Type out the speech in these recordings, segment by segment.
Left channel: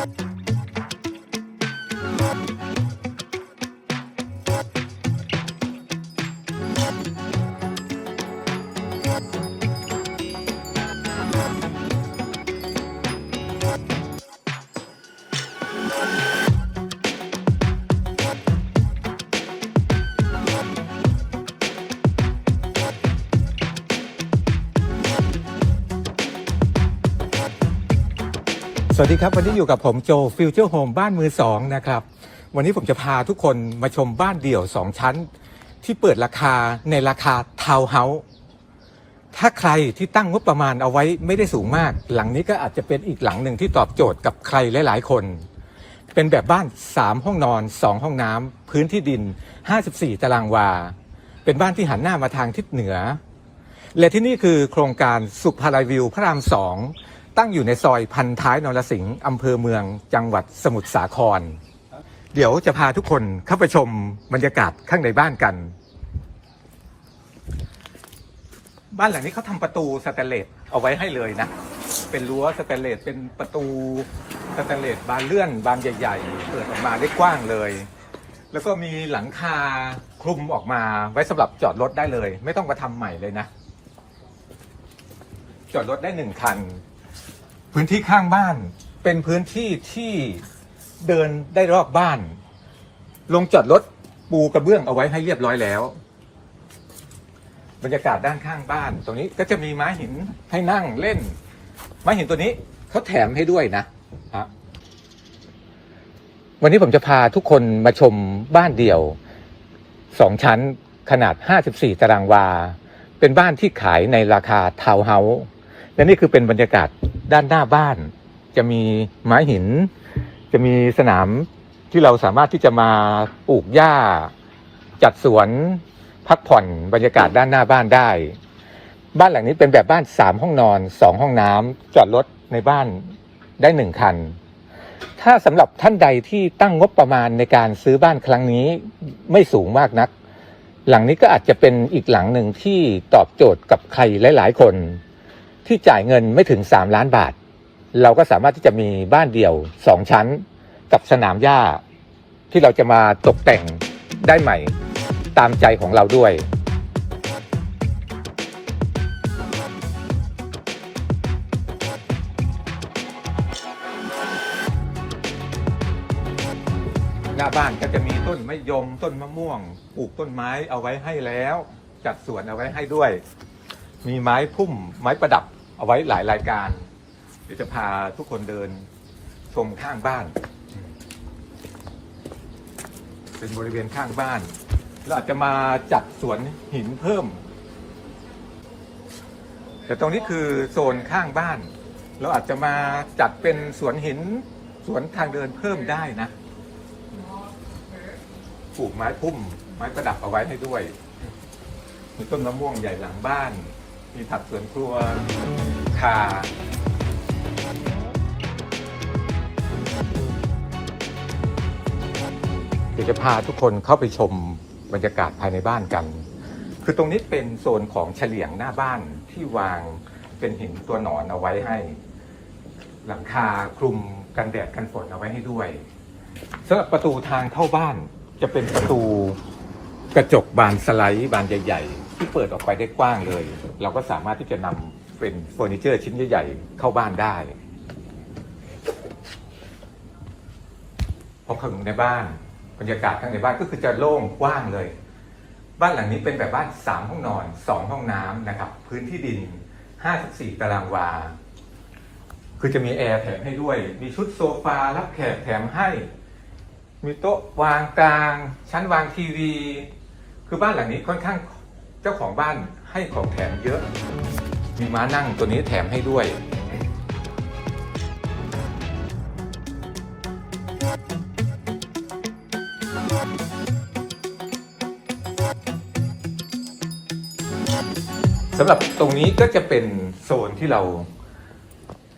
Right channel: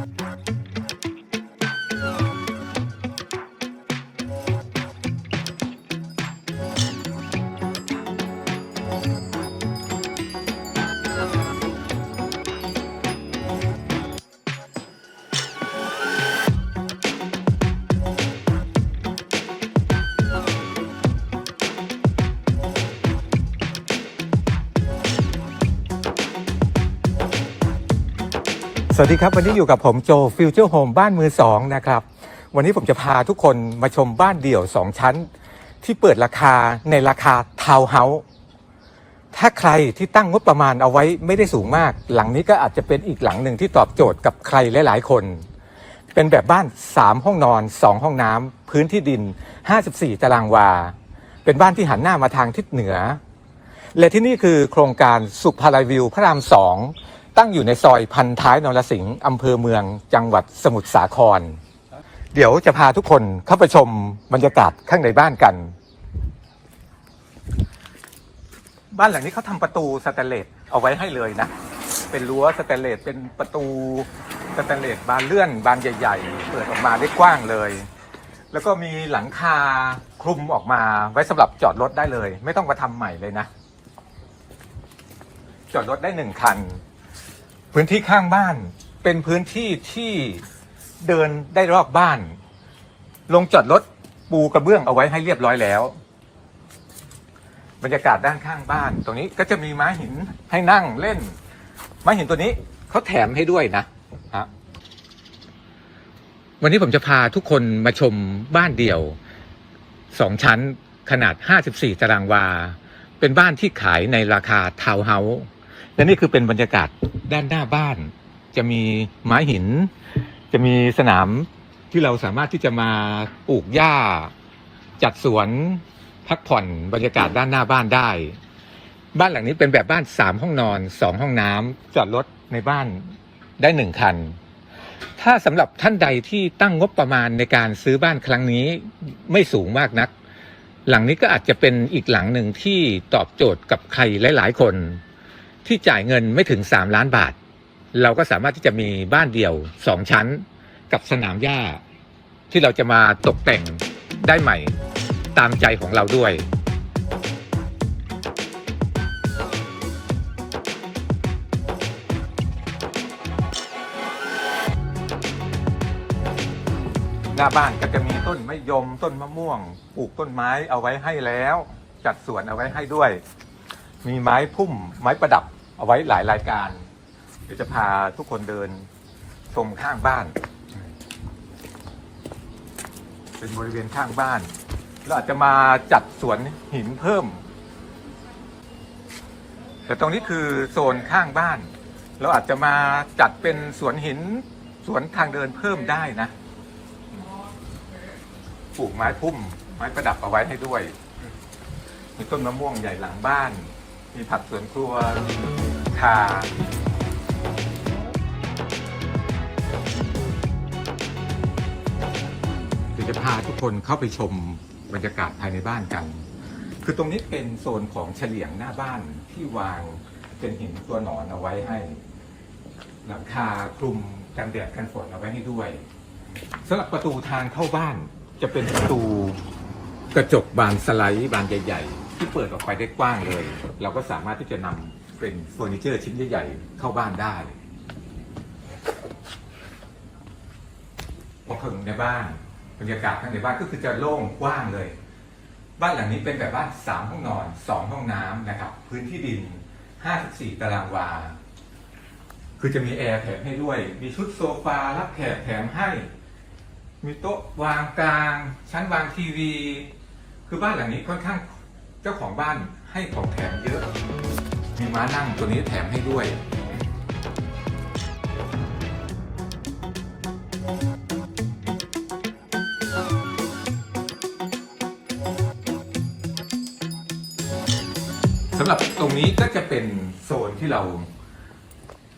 ส วัสดีครับวันนี้อยู่กับผมโจฟิวเจอร์โฮมบ้านมือสองนะครับวันนี้ผมจะพาทุกคนมาชมบ้านเดี่ยวสองชั้น ที่เปิดราคาในราคาทาวน์เฮาส์ถ้าใครที่ตั้งงบประมาณเอาไว้ไม่ได้สูงมาก หลังนี้ก็อาจจะเป็นอีกหลังหนึ่งที่ตอบโจทย์กับใครหลายๆ คน เป็นแบบบ้าน 3 ห้องนอน 2 ห้องน้ำพื้นที่ดิน 54 ตารางวา เป็นบ้านที่หันหน้ามาทางทิศเหนือ และที่นี่คือโครงการสุภาลัยวิวพระรามสอง ตั้งอยู่ในซอยพันท้ายนรสิงห์อำเภอเมืองจังหวัดสมุทรสาคร เดี๋ยวจะพาทุกคนเข้าไปชมบรรยากาศข้างในบ้านกัน บ้านหลังนี้เขาทำประตูสแตนเลสเอาไว้ให้เลยนะ เป็นรั้วสแตนเลสเป็นประตูสแตนเลสบานเลื่อนบานใหญ่ๆเปิดออกมาได้กว้างเลย แล้วก็มีหลังคาคลุมออกมาไว้สำหรับจอดรถได้เลย ไม่ต้องมาทำใหม่เลยนะ จอดรถได้หนึ่งคัน พื้นที่ข้างบ้าน เป็นพื้นที่ที่เดินได้รอบบ้าน ลงจอดรถปูกระเบื้องเอาไว้ให้เรียบร้อยแล้ว บรรยากาศด้านข้างบ้าน ตรงนี้ก็จะมีไม้หินให้นั่งเล่น ไม้หินตัวนี้เขาแถมให้ด้วยนะฮะวันนี้ผมจะพาทุกคนมาชมบ้านเดี่ยวสองชั้นขนาด 54 ตารางวา เป็นบ้านที่ขายในราคาทาวน์เฮาส์ และนี่คือเป็นบรรยากาศด้านหน้าบ้าน จะมีไม้หิน จะมีสนามที่เราสามารถที่จะมาปลูกหญ้า จัดสวนพักผ่อนบรรยากาศด้านหน้าบ้านได้ บ้านหลังนี้เป็นแบบบ้านสามห้องนอนสองห้องน้ำจอดรถในบ้านได้หนึ่งคัน ถ้าสำหรับท่านใดที่ตั้งงบประมาณในการซื้อบ้านครั้งนี้ไม่สูงมากนัก หลังนี้ก็อาจจะเป็นอีกหลังหนึ่งที่ตอบโจทย์กับใครหลาย ๆ คน ที่จ่ายเงินไม่ถึง 3 ล้านบาท เราก็สามารถที่จะมีบ้านเดี่ยว 2 ชั้นกับสนามหญ้า ที่เราจะมาตกแต่งได้ใหม่ตามใจของเราด้วย หน้าบ้านก็จะมีต้นมะยมต้นมะม่วงปลูกต้นไม้เอาไว้ให้แล้ว จัดสวนเอาไว้ให้ด้วย มีไม้พุ่มไม้ประดับ เอาไว้หลายรายการ เดี๋ยวจะพาทุกคนเดินชมข้างบ้าน เป็นบริเวณข้างบ้านเราอาจจะมาจัดสวนหินเพิ่ม แต่ตรงนี้คือโซนข้างบ้าน เราอาจจะมาจัดเป็นสวนหินสวนทางเดินเพิ่มได้นะปลูกไม้พุ่ม ไม้ประดับเอาไว้ให้ด้วยมีต้นมะม่วงใหญ่หลังบ้าน มีผักสวนครัวคาเดี๋ยวจะพาทุกคนเข้าไปชมบรรยากาศภายในบ้านกัน คือตรงนี้เป็นโซนของเฉลียงหน้าบ้านที่วางเป็นหินตัวหนอนเอาไว้ให้ หลังคาคลุมกันแดดกันฝนเอาไว้ให้ด้วยสำหรับประตูทางเข้าบ้านจะเป็นประตูกระจกบานสไลด์บานใหญ่ ๆ ที่เปิดออกไปได้กว้างเลย เราก็สามารถที่จะนำเป็นเฟอร์นิเจอร์ชิ้นใหญ่ๆเข้าบ้านได้พอถึงในบ้านบรรยากาศข้างในบ้านก็คือจะโล่งกว้างเลย บ้านหลังนี้เป็นแบบบ้านสามห้องนอนสองห้องน้ำนะครับ พื้นที่ดิน 54 ตารางวา คือจะมีแอร์แถมให้ด้วย มีชุดโซฟารับแขกแถมให้ มีโต๊ะวางกลาง ชั้นวางทีวี คือบ้านหลังนี้ค่อนข้าง เจ้าของบ้านให้ของแถมเยอะ มีม้านั่งตัวนี้แถมให้ด้วย สำหรับตรงนี้ก็จะเป็นโซนที่เรา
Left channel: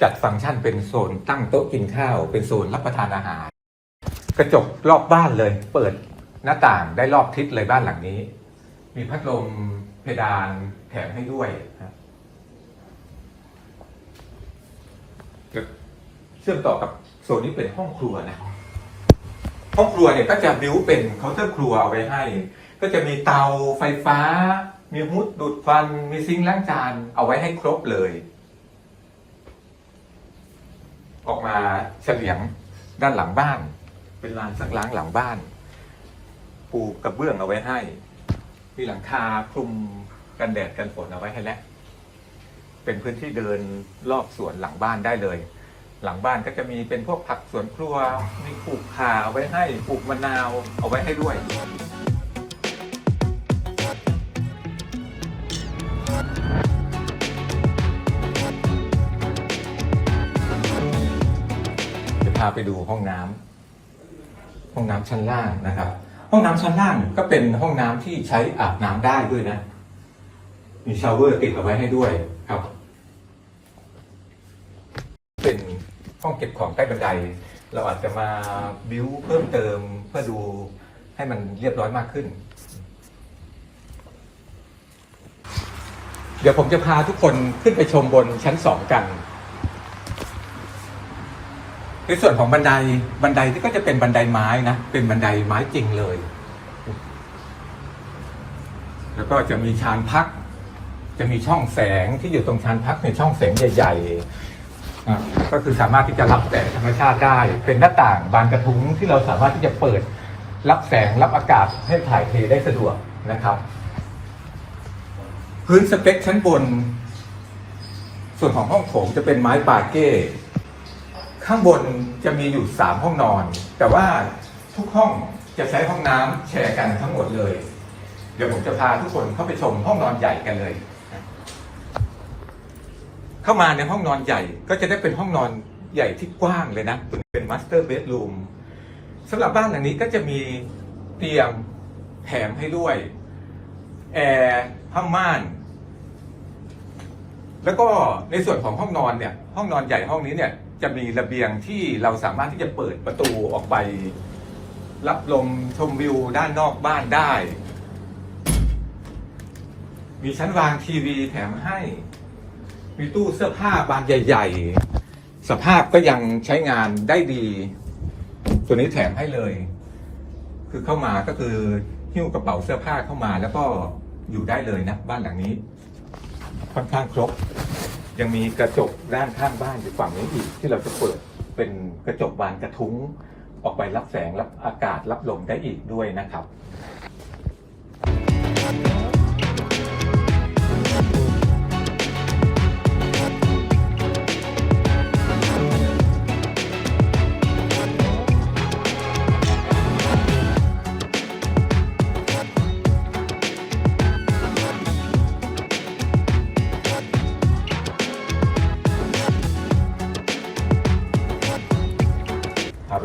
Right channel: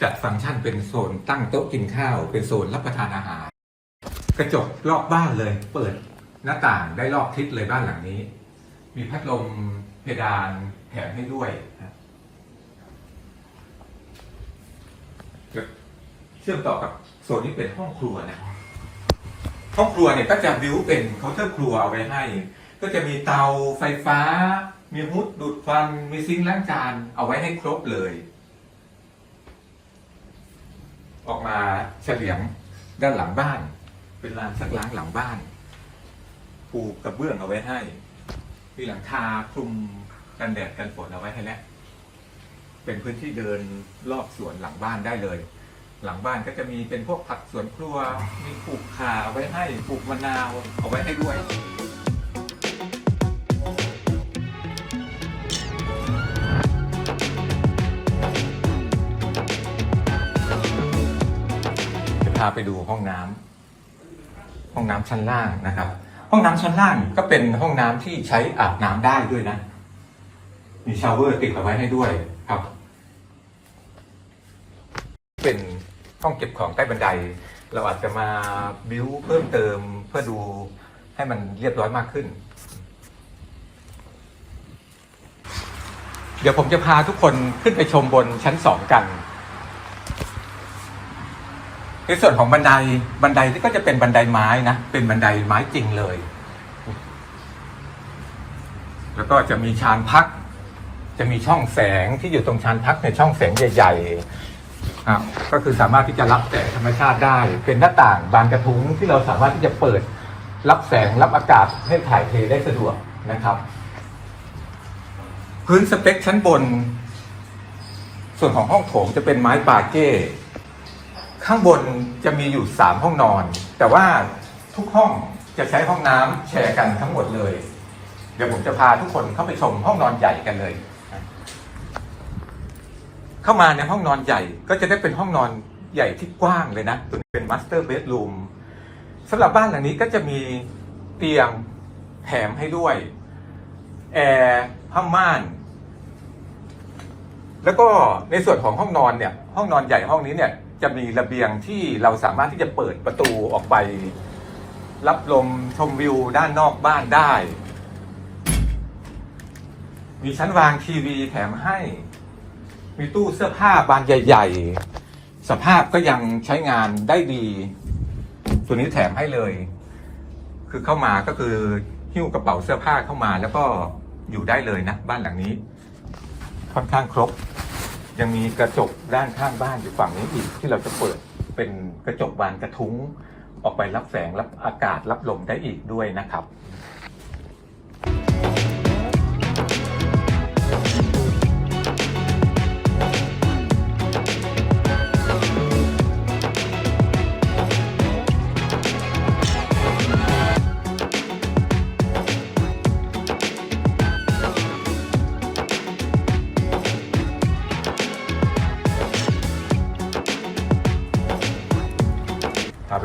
จัดฟังก์ชันเป็นโซนตั้งโต๊ะกินข้าว เป็นโซนรับประทานอาหาร กระจกรอบบ้านเลย เปิดหน้าต่างได้รอบทิศเลยบ้านหลังนี้ มีพัดลมเพดานแถมให้ด้วยนะเชื่อมต่อกับโซนนี้เป็นห้องครัวนะห้องครัวเนี่ยก็จะบิวเป็นเคาน์เตอร์ครัวเอาไว้ให้ ก็จะมีเตาไฟฟ้า มีฮุดดูดฟัน มีซิงค์ล้างจานเอาไว้ให้ครบเลย ออกมาเฉลียงด้านหลังบ้าน เป็นลานสักล้างหลังบ้าน ปูกระเบื้องเอาไว้ให้ มีหลังคาคลุมกันแดดกันฝนเอาไว้ให้แล้วเป็นพื้นที่เดินรอบสวนหลังบ้านได้เลย หลังบ้านก็จะมีเป็นพวกผักสวนครัวมีปลูกข่าเอาไว้ให้ปลูกมะนาวเอาไว้ให้ด้วยจะพาไปดูห้องน้ำห้องน้ำชั้นล่างนะครับ ห้องน้ำชั้นล่างก็เป็นห้องน้ำที่ใช้อาบน้ำได้ด้วยนะ มีชาวเวอร์ติดเอาไว้ให้ด้วยครับ เป็นห้องเก็บของใต้บันได เราอาจจะมาบิวเพิ่มเติมเพื่อดูให้มันเรียบร้อยมากขึ้น เดี๋ยวผมจะพาทุกคนขึ้นไปชมบนชั้นสองกัน ในส่วนของบันไดบันไดที่ก็จะเป็นบันไดไม้นะเป็นบันไดไม้จริงเลย แล้วก็จะมีชานพัก จะมีช่องแสงที่อยู่ตรงชานพักในช่องแสงใหญ่ๆครับก็คือสามารถที่จะรับแสงธรรมชาติได้ เป็นหน้าต่างบานกระทุ้งที่เราสามารถที่จะเปิดรับแสงรับอากาศให้ถ่ายเทได้สะดวกนะครับ พื้นสเปคชั้นบน ส่วนของห้องโถงจะเป็นไม้ปาเก้ ข้างบนจะมีอยู่สามห้องนอน แต่ว่าทุกห้องจะใช้ห้องน้ำแชร์กันทั้งหมดเลย เดี๋ยวผมจะพาทุกคนเข้าไปชมห้องนอนใหญ่กันเลย เข้ามาในห้องนอนใหญ่ก็จะได้เป็นห้องนอนใหญ่ที่กว้างเลยนะ เป็นมาสเตอร์เบดรูมสำหรับบ้านหลังนี้ก็จะมีเตียงแถมให้ด้วย แอร์ผ้าม่าน แล้วก็ในส่วนของห้องนอนเนี่ย ห้องนอนใหญ่ห้องนี้เนี่ย จะมีระเบียงที่เราสามารถที่จะเปิดประตูออกไป รับลมชมวิวด้านนอกบ้านได้ มีชั้นวางทีวีแถมให้ มีตู้เสื้อผ้าบานใหญ่ ๆ สภาพก็ยังใช้งานได้ดีตัวนี้แถมให้เลย คือเข้ามาก็คือหิ้วกระเป๋าเสื้อผ้าเข้ามาแล้วก็อยู่ได้เลยนะ บ้านหลังนี้ ค่อนข้างครบ ยังมีกระจกด้านข้างบ้านอยู่ฝั่งนี้อีก ที่เราจะเปิดเป็นกระจกบานกระทุ้ง ออกไปรับแสงรับอากาศรับลมได้อีกด้วยนะครับ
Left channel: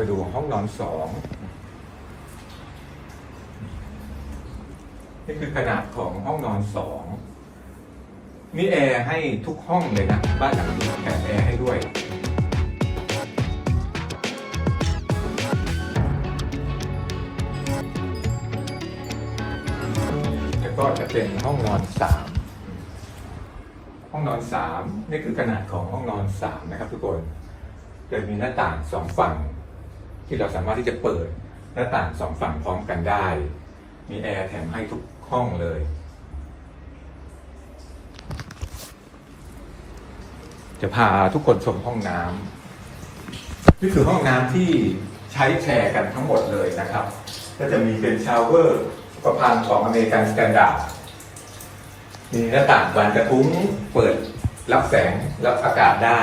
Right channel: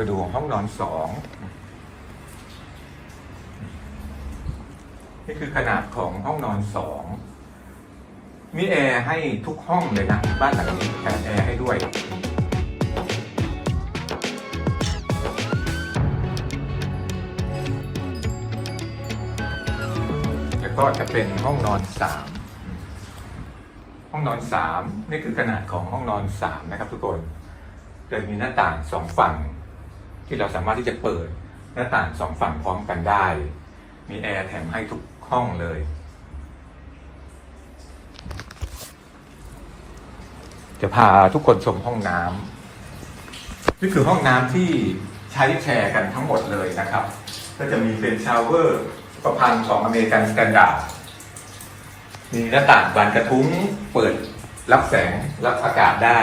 ไปดูห้องนอนสองนี่คือขนาดของห้องนอนสองมีแอร์ให้ทุกห้องเลยนะบ้านหลังนี้แถมแอร์ให้ด้วยแล้วก็จะเป็นห้องนอนสามห้องนอนสามนี่คือขนาดของห้องนอนสามนะครับทุกคนโดยมีหน้าต่างสองฝั่ง ที่เราสามารถที่จะเปิดหน้าต่างสองฝั่งพร้อมกันได้ มีแอร์แถมให้ทุกห้องเลย จะพาทุกคนชมห้องน้ำนี่คือห้องน้ำที่ใช้แชร์กันทั้งหมดเลยนะครับ ก็จะมีเป็นชาวเวอร์ประพันธ์ของอเมริกันสแตนดาร์ดมีหน้าต่างบานกระทุ้งเปิดรับแสงรับอากาศได้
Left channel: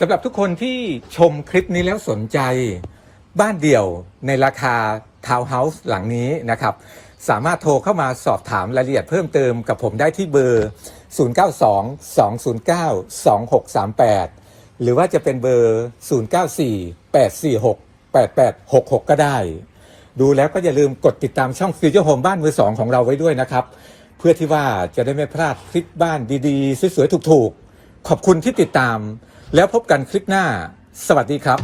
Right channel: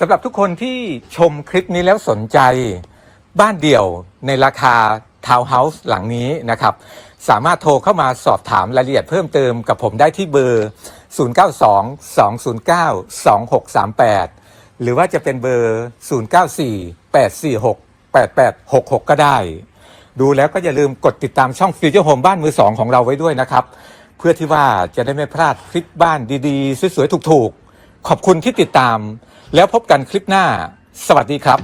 สำหรับทุกคนที่ชมคลิปนี้แล้วสนใจ บ้านเดี่ยวในราคาทาวน์เฮาส์หลังนี้นะครับ สามารถโทรเข้ามาสอบถามรายละเอียดเพิ่มเติมกับผมได้ที่เบอร์ 0922092638 หรือว่าจะเป็นเบอร์ 0948468866 ก็ได้ ดูแล้วก็อย่าลืมกดติดตามช่องฟิวเจอร์โฮมบ้านมือสองของเราไว้ด้วยนะครับ เพื่อที่ว่าจะได้ไม่พลาดคลิปบ้านดีๆ สวยๆ ถูกๆ ขอบคุณที่ติดตาม แล้วพบกันคลิปหน้า สวัสดีครับ